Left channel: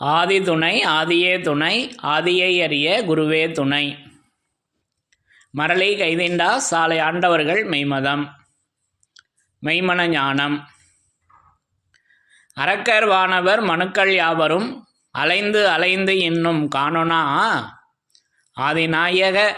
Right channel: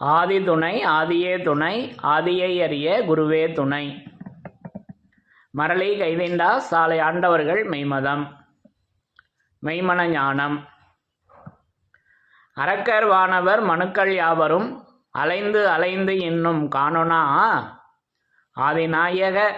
ஆதி துணை ஆதியே துணை ஆதியை அறிய குருவே துணை. மரளி கைதிண்டா சாலை ஆண்டவர்கள் மெய்மதம். மெய்மன ஞானம். அரக்கர் வானவர் மனுக்கள் யாவரும் அலைந்து அலைந்து இன்னும் காணோனா? ஆதிநாயக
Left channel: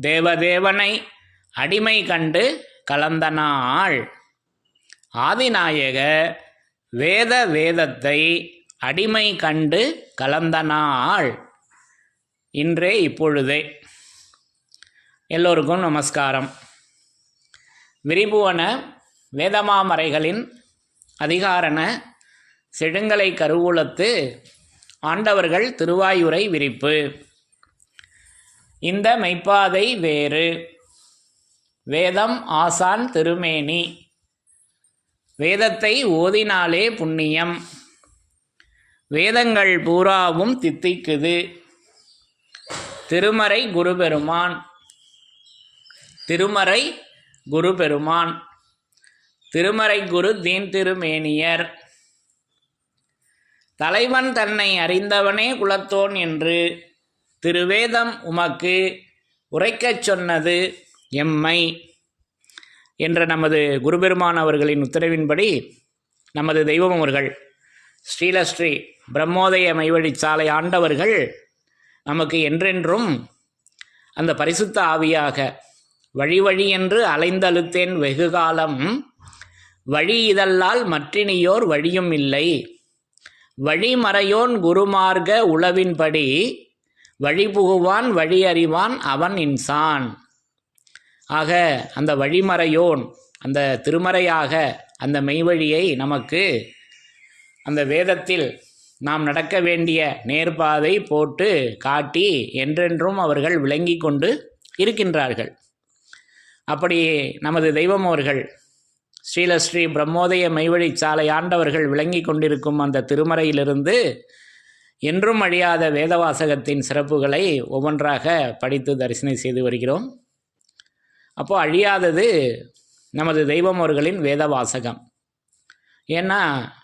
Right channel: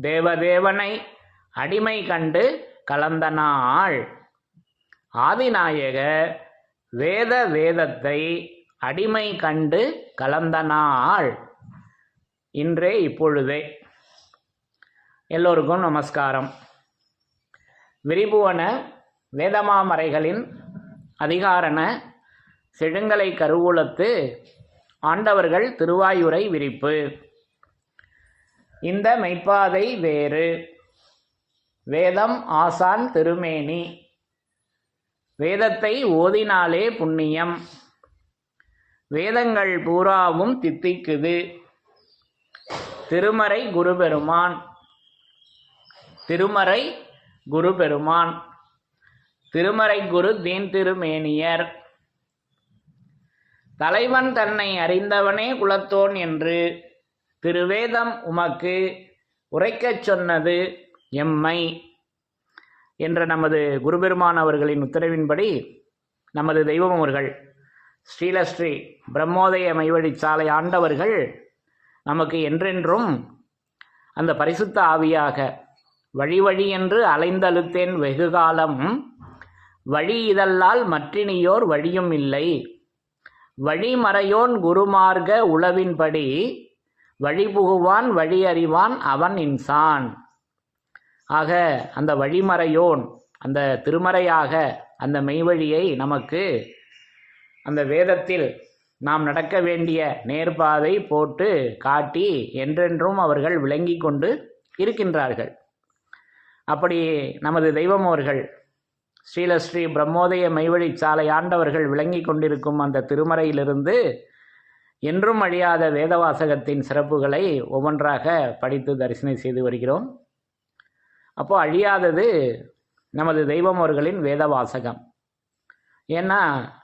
தேவதேவனை அடிமை கண்டு கலந்த நாள். ஆதிநாயக வேத வேதத்தை அடிமை கண்டு கலந்த நாள். இன்றே இப்பொழுதே. எல்லோருக்கும் நமஸ்காரம். விரிபுவன வேதமாமறைகளின் அதிகாரண செழுங்கலை கருவூலத்து ஆண்டவர்கள் திருவாயுரை விரிப்பு. இந்த மெய்ப்பாதை வேறு. வேதம் ஆசான் திருமேனி. வேதத்தை ஓதினாலே புண்ணியம். வேதங்கள் பூராவும் தித்திக்குது. திருமறை குருபெருமான். திருமறை குருபெருமான். திருமறை குரு தீன் திருமேனியர். தலைவன் தன்னை அறிந்தவனே குலத்தோன் என்று திருவேதம் உமக்கு உரைக்கச் சொன்னது எம்மை. என்ற நமது குருபெருமான் அவர்களின் உத்தரவின்படி நமது தெய்வம் அவர்கள் ஸ்ரீலஸ்ரீ பிரம்மோதய மைவழி சாலை ஆண்டவர்கள் நமக்கு என்றென்றும் அந்த பரிசுத்த ஆவியாக வழி வழி என்று அலைந்தழுத்தேன் வெகுகாலம் வழி இதல்லால் மற்றினியோர் வழியும் இல்லை. வழிமறையோன் குருமார்க்க உளவின்படி வழிபுகுவான் வழியறிவான் வழி அறிவான் அவன் இன்சான். ஆக அந்த வழிமறையோன் அந்த திருமறையாக அந்த மெய்வழியை நமக்கு அந்த வேதத்தில் நாம் நடக்க வேண்டிய நேர்பாதை போட்டு காட்டி என்றென்றும் அவர்கள் விளங்கி கொண்டு இருக்கின்றார்கள். அப்படி நமது தெய்வம் அவர்கள் ஸ்ரீலஸ்ரீ பிரம்மோதய மெய்வழி சாலை ஆண்டவர்கள் விளங்கி கொண்டிருக்கும் அந்த திருமறையிலிருந்து என்றும் அழியாத வேதவாசகத்தின் சிறப்புகளை ஒவ்வொன்றாக படித்து தரிசனம் செய்து வருகிறோம். அப்போ அழியாதது நமது தெய்வம் அவர்களின் வேதவாசகம். ஏன்னா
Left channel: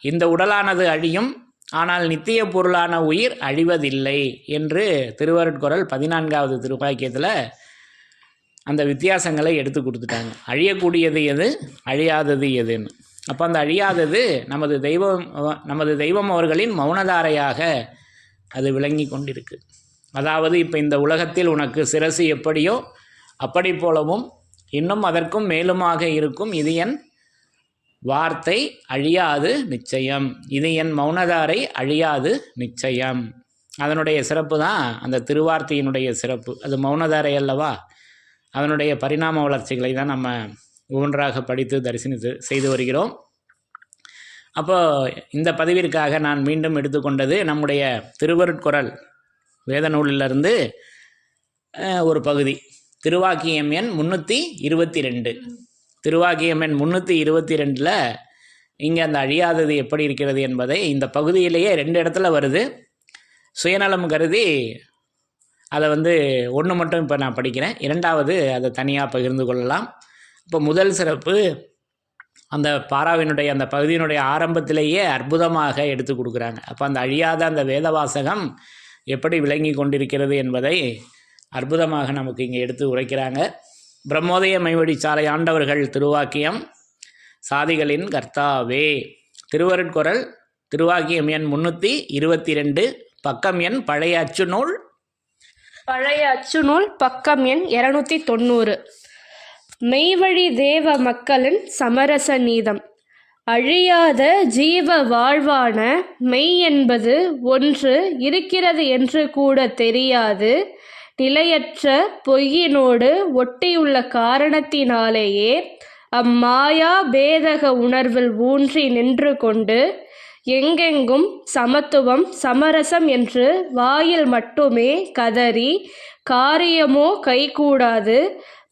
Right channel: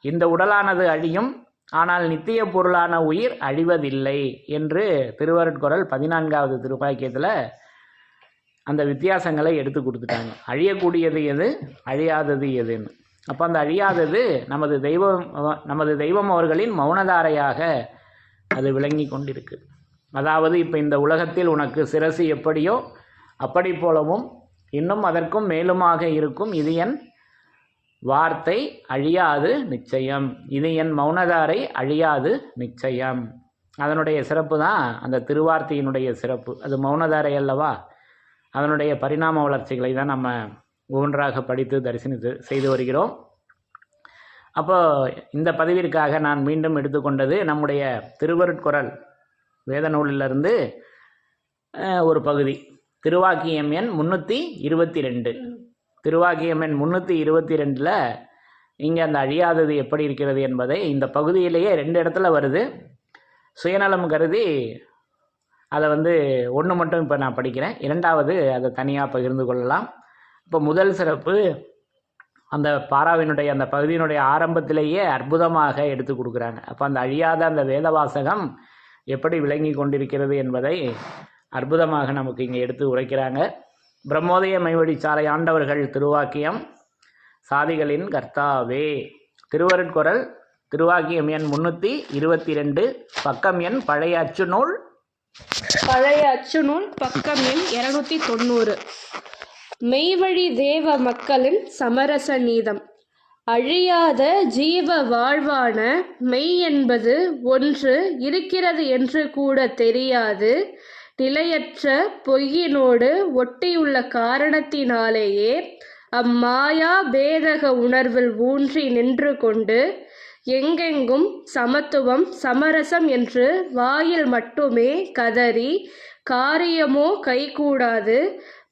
இந்த உடலானது அழியும் ஆனால் நித்திய பொருளான உயிர் அழிவதில்லை என்று திருவருட்குரல் பதினான்காவது திருப்பாக்கியத்தில் அந்த வித்தியாசங்களை எடுத்து கொடுத்துட்டாங்க. அழியக்கூடியது எது? அழியாதது எதுன்னு. அப்போ அந்த அழியாதது நமது தெய்வம் நமது தெய்வம் அவர்களின் மௌனதாரையாக அது விளங்கி கொண்டிருக்கு. அதாவது இப்போ இந்த உலகத்தில் உனக்கு சிரசு எப்படியோ அப்படி போலவும் இன்னும் அதற்கும் மேலுமாக இருக்கும் இது என் வார்த்தை அழியாது நிச்சயம். இது என் மௌனதாரை அழியாது நிச்சயம். அதனுடைய சிறப்பு தான் அந்த திருவார்த்தையினுடைய சிறப்பு. அது மௌனதாரை அல்லவா? அதனுடைய பரிணாம வளர்ச்சிகளை தான் நம்ம ஒவ்வொன்றாக படித்து தரிசனித்து செய்து வருகிறோம். அப்போ இந்த பதிவிற்காக நான் மீண்டும் எடுத்துக்கொண்டது நம்முடைய திருவருட்குரல் வேத நூலிலிருந்து ஒரு பகுதி. திருவாக்கியம் எண் முந்நூற்றி இருபத்தி ரெண்டு. திருவாக்கியம் எண் முந்நூற்றி இருபத்தி ரெண்டில் இங்கே அந்த அழியாதது எப்படி இருக்கிறது என்பதை இந்த பகுதியிலேயே ரெண்டு இடத்துல வருது. சுயநலம் கருதி அதை வந்து ஒன்று மட்டும் இப்போ நான் படிக்கிறேன். இரண்டாவது அதை தனியாக பகிர்ந்து கொள்ளலாம். இப்போ முதல் சிறப்பு அந்த பாராவினுடைய அந்த பகுதியினுடைய ஆரம்பத்திலேயே அற்புதமாக எடுத்து கொடுக்குறாங்க. அப்போ அந்த அழியாத அந்த வேதவாசகம் எப்படி விளங்கி கொண்டிருக்கிறது என்பதை அற்புதமாக நமக்கு இங்கே எடுத்து உரைக்கிறாங்க. பிரம்மோதய மைவடி சாலை ஆண்டவர்கள் திருவாக்கியம் சாதிகளின் கர்த்தாவே. திருவருட்குரல் திருவாக்கியம் எண் முன்னூற்றி இருபத்தி ரெண்டு பக்கம் எண் பழைய அச்சு நூல். பழைய அச்சுநூல் பக்கம் எண் இருநூத்தி தொண்ணூறு. மெய்வழி தேவ மக்களின் சமரச நீதம். அழியாத ஜீவ வாழ்வான மெய் என்பது ஒன்று இருக்கிறது என்று கூட தெரியாது. நிலையற்ற பொய்யினோடு ஒட்டியுள்ள காரணத்தினாலேயே அம்மாயா பேதக உணர்வில் ஊன்றி நின்று கொண்டு எங்கெங்கும் சமத்துவம் சமரசம் என்று வாயில் மட்டுமே கதறி காரியமோ கைகூடாது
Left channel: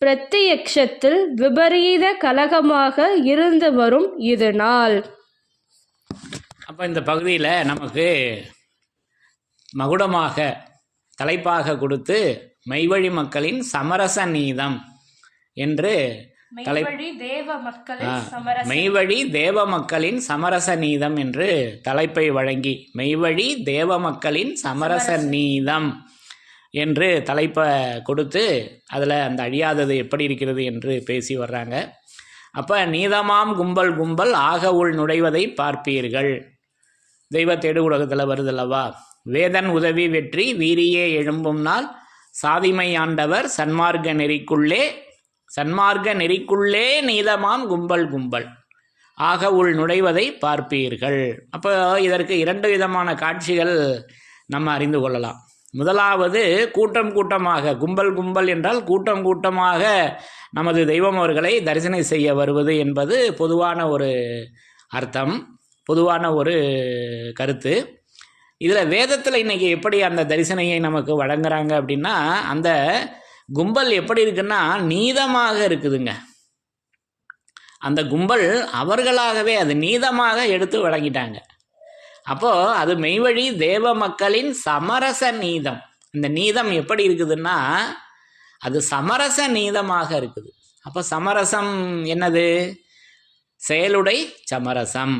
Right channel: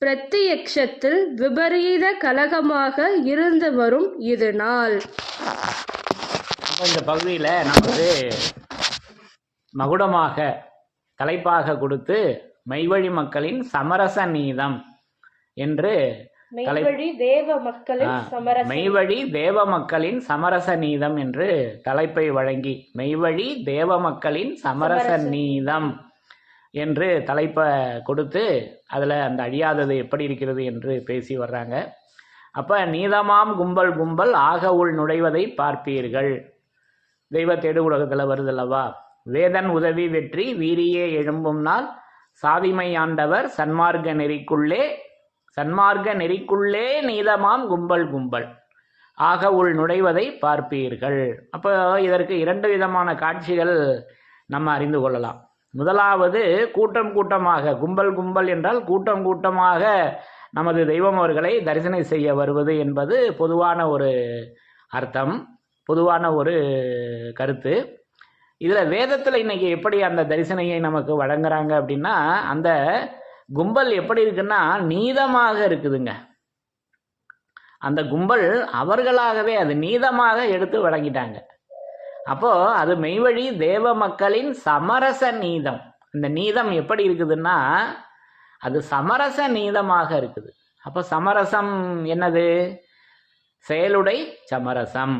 பிரத்தியக்ஷத்தில் விபரீத கலகமாக இருந்து வரும் இது நாள். அப்போ இந்த பகுதியில் நமக்கு மகுடமாக தலைப்பாக கொடுத்து மெய்வழி மக்களின் சமரச நீதம் என்று மெய்வழி தேவ மக்களின் சமரச மெய்வழி தேவ மக்களின் சமரச நீதம் என்று தலைப்பை வழங்கி மெய்வழி தேவ மக்களின் சமரச நீதம் என்று தலைப்பை கொடுத்து அதில் அந்த அழியாதது எப்படி இருக்கிறது என்று பேசி வர்றாங்க. அப்போ நீதமாம் கும்பல் கும்பல் ஆக உள் நுழைவதை பார்ப்பீர்கள். தெய்வ தேடு உலகத்தில் வருதல்லவா வேதன் உதவி வெற்றி வீரியே எழும்பும் நாள். சாதிமை ஆண்டவர் சன்மார்க்க நெறிக்குள்ளே சன்மார்க்க நெறிக்குள்ளே நீதமாம் கும்பல் கும்பல். ஆக உள் நுழைவதை பார்ப்பீர்கள். அப்போ இதற்கு இரண்டு விதமான காட்சிகள் நம்ம அறிந்து கொள்ளலாம். முதலாவது கூட்டம் கூட்டமாக கும்பல் கும்பல் என்றால் கூட்டம் கூட்டமாக நமது தெய்வம் அவர்களை தரிசனம் செய்ய வருவது என்பது பொதுவான ஒரு அர்த்தம் பொதுவான ஒரு கருத்து. இதில் வேதத்தில் இன்னைக்கு எப்படி அந்த தரிசனையை நமக்கு வழங்குறாங்க அப்படின்னா அந்த கும்பல் எப்படி இருக்குன்னா நீதமாக இருக்குதுங்க. அந்த கும்பல் அவர்களாகவே அது நீதமாக எடுத்து வழங்கிட்டாங்க. அப்போது அது மெய்வழி தேவ மக்களின் சமரச நீதம். இந்த நீதம் எப்படி இருக்குதுன்னா அது சமரச நீதமாக இருக்குது. அப்போ சமரசம் என்னது? செயலுடை சமரசம்.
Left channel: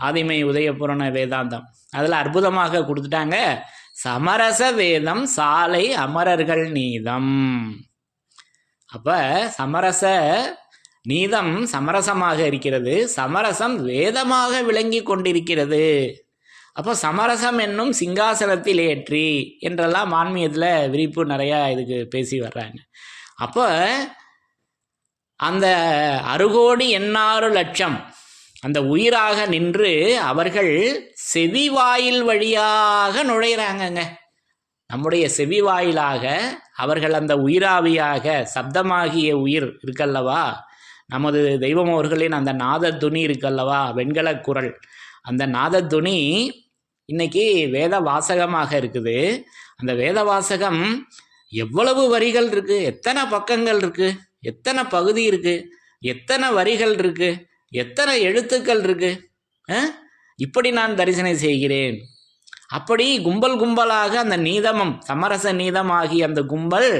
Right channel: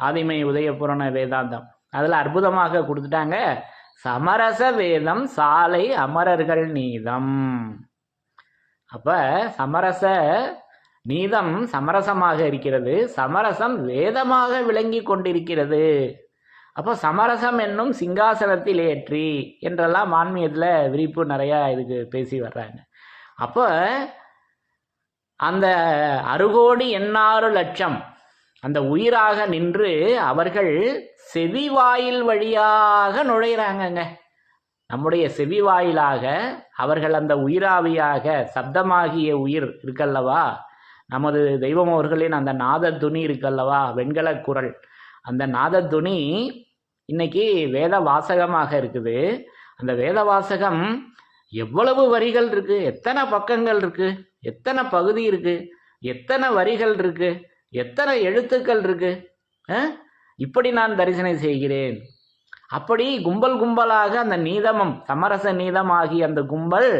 ஆதிமை உதயபுரண வேதாந்தம். அதில் அற்புதமாக கொடுத்துட்டாங்க. சமரச வேதம் சாலை அமரர்கள் நீதம். அப்போ சமரச நீதம் சமரசமாக இருக்கிறது சமரசம் வேதமாக விளங்கி கொண்டிருக்கிறது. அப்போ சமரசம் என்னும் சிங்காசனத்தில் ஏற்றி என்றெல்லாம் ஆன்மீகத்தில் விரிப்பு நிறையா இதுக்கு பேசி வர்றாங்க. அப்போ அந்த அறுகோடி எண்ணாறு லட்சம் அந்த உயிராக நின்று அவர்கள் செவி வாயில் வழியாக நுழையிறாங்கங்க. நம்முடைய செவி வாயிலாக அவர்கள் அந்த உயிராவியாக சப்தமாகிய உயிர் இருக்கல்லவா? நமது தெய்வம் அவர்களின் அந்த நாத துணி இருக்கல்லவா? வெண்கல குரல். அந்த நாத துணி இன்னைக்கு வேத வாசகமாக இருக்குது. அந்த வேத வாசகம் எவ்வளவு வரிகள் இருக்குது எத்தனை பக்கங்கள் இருக்குது எத்தனை பகுதி இருக்குது எத்தனை வரிகள் இருக்குது எத்தனை எழுத்துக்கள் இருக்கு? இப்படி நான் தரிசனம் செய்கிறேன். அப்படி கும்பல் கும்பலாக அந்த நீதமம் சமரச நீதம் ஆகிய அந்த கும்பல்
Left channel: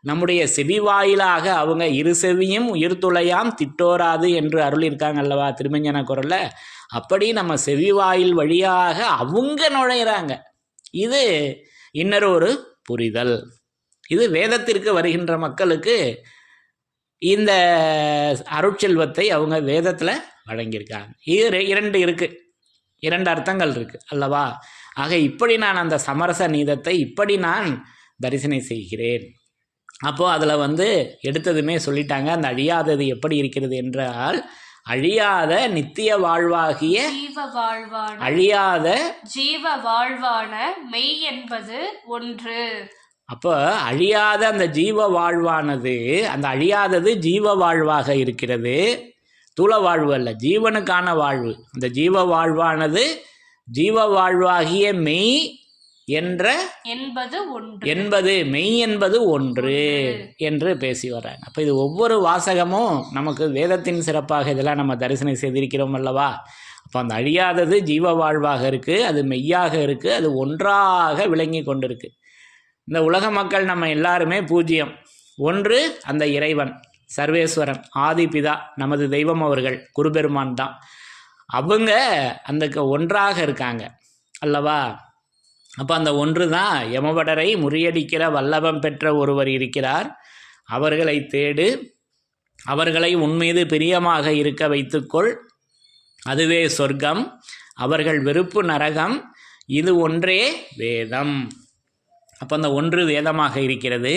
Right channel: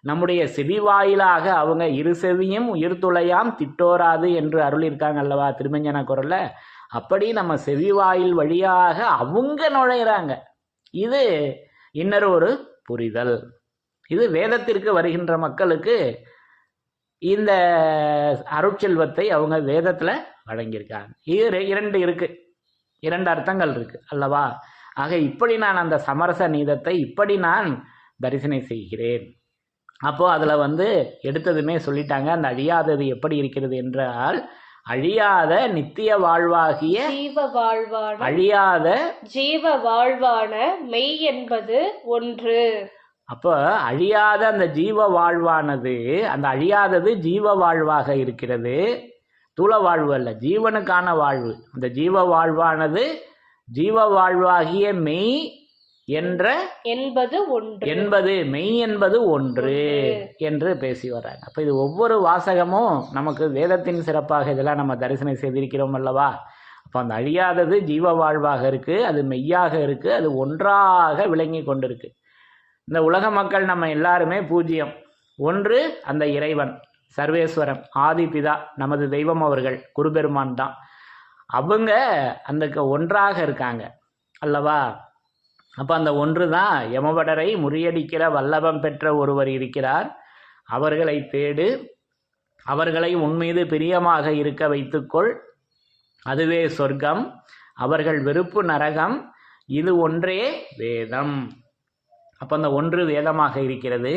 நம்முடைய செவி வாயிலாக அவங்க இரு செவியும் உயிர்த்துளையாம் திட்டோராது என்று அருளிருக்காங்க அல்லவா திருமஞ்சன குரலில்? அப்படி நம்ம செவி வாயில் வழியாக அவங்க நுழையிறாங்க. இது இன்னொரு ஒரு புரிதல். இது வேதத்திற்கு வருகின்ற மக்களுக்கு இந்த அருட்செல்வத்தை அவங்க வேதத்தில் வழங்கியிருக்காங்க. இது ரெ- இரண்டு இருக்கு. இரண்டு அர்த்தங்கள் இருக்கு அல்லவா? ஆக இப்படி நான் அந்த சமரச நீதத்தை இப்படி நான் தரிசனம் செய்கிறேன். அப்போ அதில் வந்து எடுத்ததுமே சொல்லிட்டாங்க அந்த அழியாதது எப்படி இருக்கிறது என்றால் அழியாத நித்திய வாழ்வாகிய ஜீவ வாழ்வான அழியாத ஜீவ வாழ்வான மெய் என்பது ஒன்று. அப்போ அழியாத அந்த ஜீவ வாழ்வானது அந்த அழியாதது ஜீவ வாழ்வாக இருக்கிறது. தூள வாழ்வு அல்ல ஜீவனுக்கான வாழ்வு. அந்த ஜீவ வாழ்வானது ஜீவ வாழ்வாகிய மெய் என்ற என்பது ஒன்று. என்பது மெய் என்பது ஒன்று என்று பேசி வர்றாங்க. அப்போ இது ஒவ்வொரு வாசகமும் நமக்கு வேதத்தின் சிறப்பாக இதெல்லாம் நம்ம தரிசனம் செய்திருக்கிறோம் அல்லவா? அப்போ அந்த அழியாதது ஜீவ வாழ்வாக இருக்குது அது மெய்யாக இருக்குது அது ஒன்றாக விளங்கி கொண்டிருக்கு. இந்த உலக மக்கள் நம்ம எல்லாருமே பூஜ்யம். ஒன்று அந்த இறைவன் சர்வேஸ்வரன் ஆதிபிதா நமது தெய்வம் அவர்கள் குருபெருமான் தான். அவங்க அந்த க- ஒன்றாக இருக்காங்க. அல்லவா? அப்போ அந்த ஒன்று தான் யமபடரை முறியடிக்கிற வல்லபம் பெற்ற ஒருவர் இருக்கிறார். அவர்களை தேடு அவர்களை உன்மீது பிரியமாக இருக்க வைத்துக்கொள். அதுவே சொர்க்கம். அவர்கள் வெறுப்பு நரகம். இது ஒன்றே வேதம். அப்போ அந்த ஒன்று வேதமாக இருக்கிறது.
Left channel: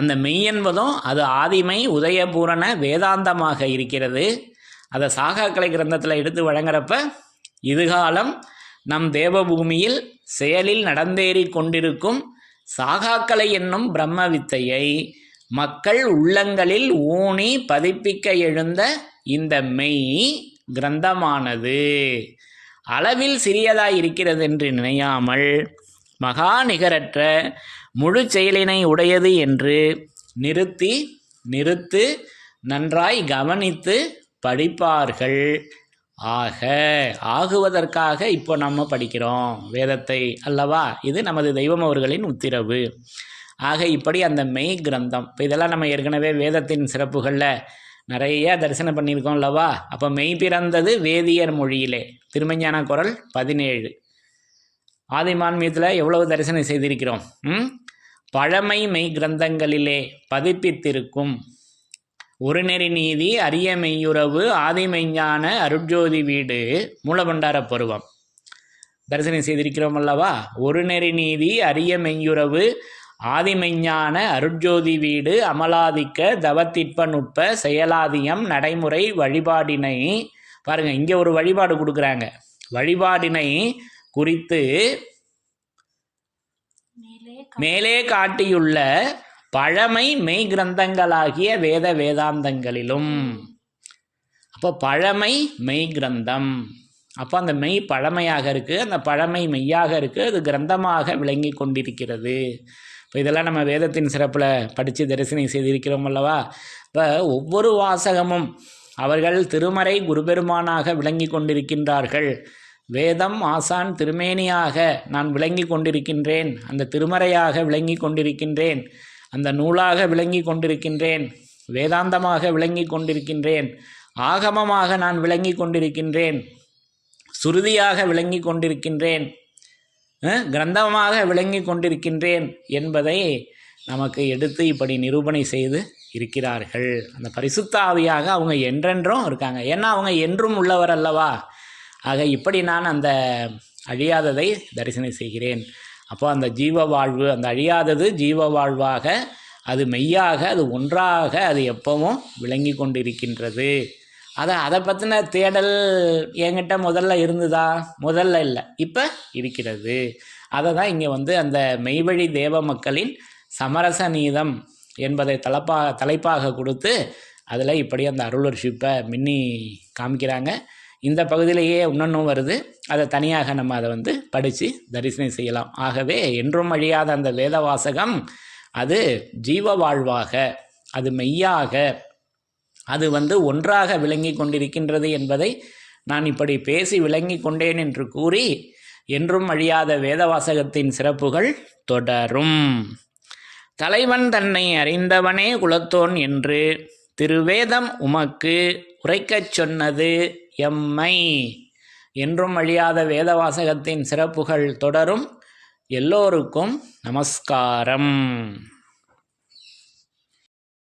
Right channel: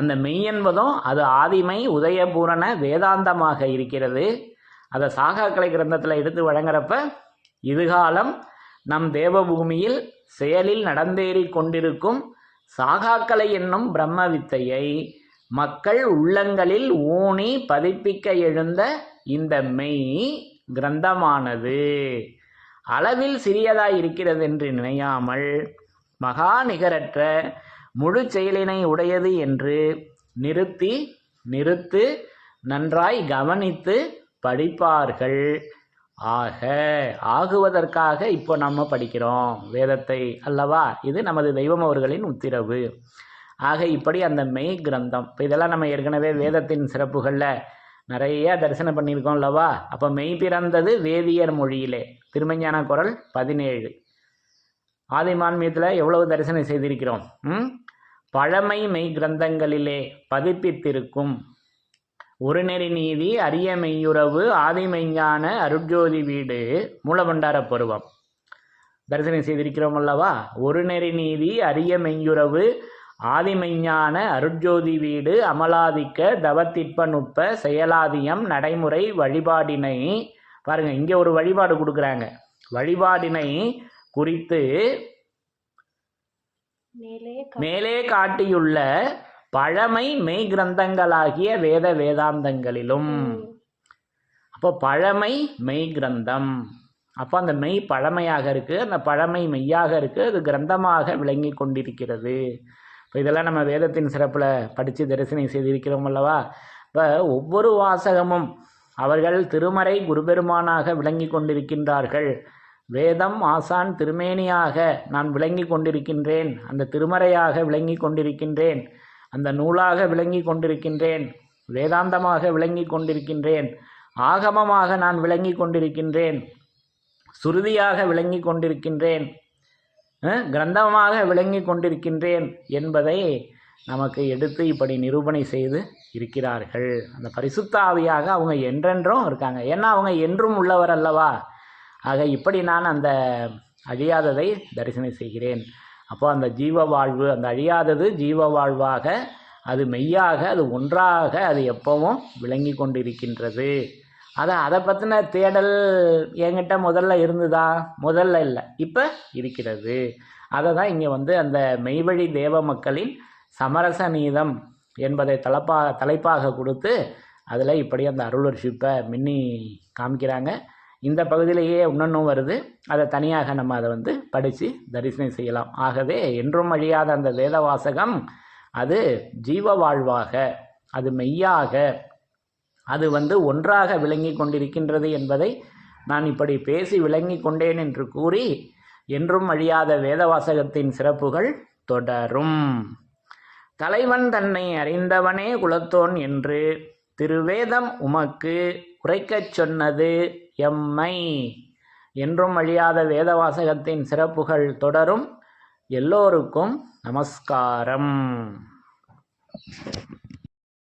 அந்த மெய் என்பதும் அது ஆதிமை உதயபூரண வேதாந்தமாக இருக்கிறது. அதை சாகாக்கலை கிரந்தத்தில் எடுத்து வழங்குறப்ப இதுகாலம் நம் தேவபூமியில் செயலில் நடந்தேறி கொண்டிருக்கும் சாகாக்கலை என்னும் பிரம்ம வித்தையை மக்கள் உள்ளங்களில் ஊனி பதிப்பிக்க எழுந்த இந்த மெய் கிரந்தமானது. அளவில் சிறியதாய் இருக்கிறது என்று நினையாமல் மகா நிகரற்ற முழு செயலினை உடையது என்று நிறுத்தி நிறுத்து நன்றாய் கவனித்து படிப்பார்கள். ஆக ஆகுவதற்காக இப்போ நம்ம படிக்கிறோம் வேதத்தை அல்லவா? இது நமது தெய்வம் அவர்களின் உத்திரவு. ஆக இப்படி அந்த மெய் கிரந்தம் இப்போ இதெல்லாம் நம்ம ஏற்கனவே வேதத்தின் சிறப்புகளில் நிறைய தரிசனம் பண்ணியிருக்கோம் அல்லவா? அப்போ மெய் பிறந்தது வேதியர் மொழியிலே. திருமஞான குரல் பதினேழு. ஆதிமான்மியத்தில் எவ்வளவு தரிசனம் செய்திருக்கிறோம்? ம்? பழமை மெய் கிரந்தங்களிலே பதிப்பித்திருக்கும் ஒரு நெறி நீதி அரிய மெய்யுறவு ஆதிமெய்ஞான அருட்ஜோதி வீடு மூலபண்டார பருவம். தரிசனம் செய்திருக்கிறோம் அல்லவா? ஒரு நெறி நீதி அரிய மெய்யுறவு ஆதிமெய்ஞான அருட்ஜோதி வீடு அமலாதிக்க தவத்திற்ப நுட்ப செயலாதியம் நடைமுறை வழிபாடினை. பாருங்கள் இங்கே ஒரு வழிபாடு கொடுக்குறாங்க. வழிபாடினை குறித்து மேலே மேலே காட்டியுள்ள பழமை மெய் கிரந்தங்களாகிய வேத வேதாந்தங்களிலும். அப்போ பழமை மெய் கிரந்தம். அப்போ அந்த மெய் பழமையாக இருக்குது அந்த பழமை மெய்யாக இருக்குது அது கிரந்தமாக விளங்கி கொண்டிருக்கிறது. இப்போ இதெல்லாம் நம்ம வேதத்தின் சிறப்பில் படித்து தரிசனம் செய்திருக்கிறோம் அல்லவா? இப்போ ஒவ்வொரு வாசகமும் அவர்கள் திருமறை குருபெருமானாக விளங்கி கொண்டிருக்கின்றார்கள். வேதம் ஆசான் திருமேனியாக நான் விளங்கி கொண்டிருக்கின்றேன். அந்த திருமறையாக விளங்கி கொண்டிருக்கின்றேன். அந்த நூலாக விளங்கி கொண்டிருக்கின்றேன். வேதாந்தமாக விளங்கி கொண்டிருக்கின்றேன். ஆகமமாக நான் விளங்கி கொண்டிருக்கின்றேன். சுருதியாக விளங்கி கொண்டிருக்கின்றேன். கிரந்தமாக விளங்கி கொண்டிருக்கின்றேன் என்பதை நமக்கு எடுத்து இப்படி நிரூபணை செய்து இருக்கிறார்கள். அந்த பரிசுத்தாவியாக அவங்க என்றென்றும் இருக்காங்க. ஏன்னா அவங்க என்றும் உள்ளவர் அல்லவா? ஆக இப்படி நான் அந்த அழியாததை தரிசனம் செய்கிறேன். அப்போ அந்த ஜீவ வாழ்வு அந்த அழியாதது ஜீவ வாழ்வாக அது மெய்யாக அது ஒன்றாக அது எப்பவும் விளங்கி கொண்டிருக்கின்றது. அதை அதை பற்றின தேடல் என்கிட்ட முதல்ல இருந்ததா? முதல்ல இல்லை இப்போ இருக்கிறது. அதை தான் இங்கே வந்து அந்த மெய்வழி தேவ மக்களின் சமரச நீதம் என்பதை தலைப்பாக தலைப்பாக கொடுத்து அதில் இப்படி அந்த அருளர்ஷிப்பை மின்னி காமிக்கிறாங்க. இந்த பகுதியிலேயே இன்னொன்றும் வருது. அதை தனியாக நம்ம அதை வந்து படித்து தரிசனம் செய்யலாம். ஆகவே என்றும் அழியாத அந்த வேத வாசகம் அது ஜீவ வாழ்வாக அது மெய்யாக அது வந்து ஒன்றாக விளங்கி கொண்டிருக்கின்றது என்பதை நான் இப்படி பேசி விளங்கி கொண்டேன் என்று கூறி என்றும் அழியாத வேதவாசகத்தின் சிறப்புகள் தொடரும். தலைவன் தன்னை அறிந்தவனே குலத்தோன் என்று திருவேதம் உமக்கு உரைக்கச் சொன்னது. எம்மை என்றும் அழியாத வேதவாசகத்தின் சிறப்புகள் தொடரும். எல்லோருக்கும் நமஸ்காரம்.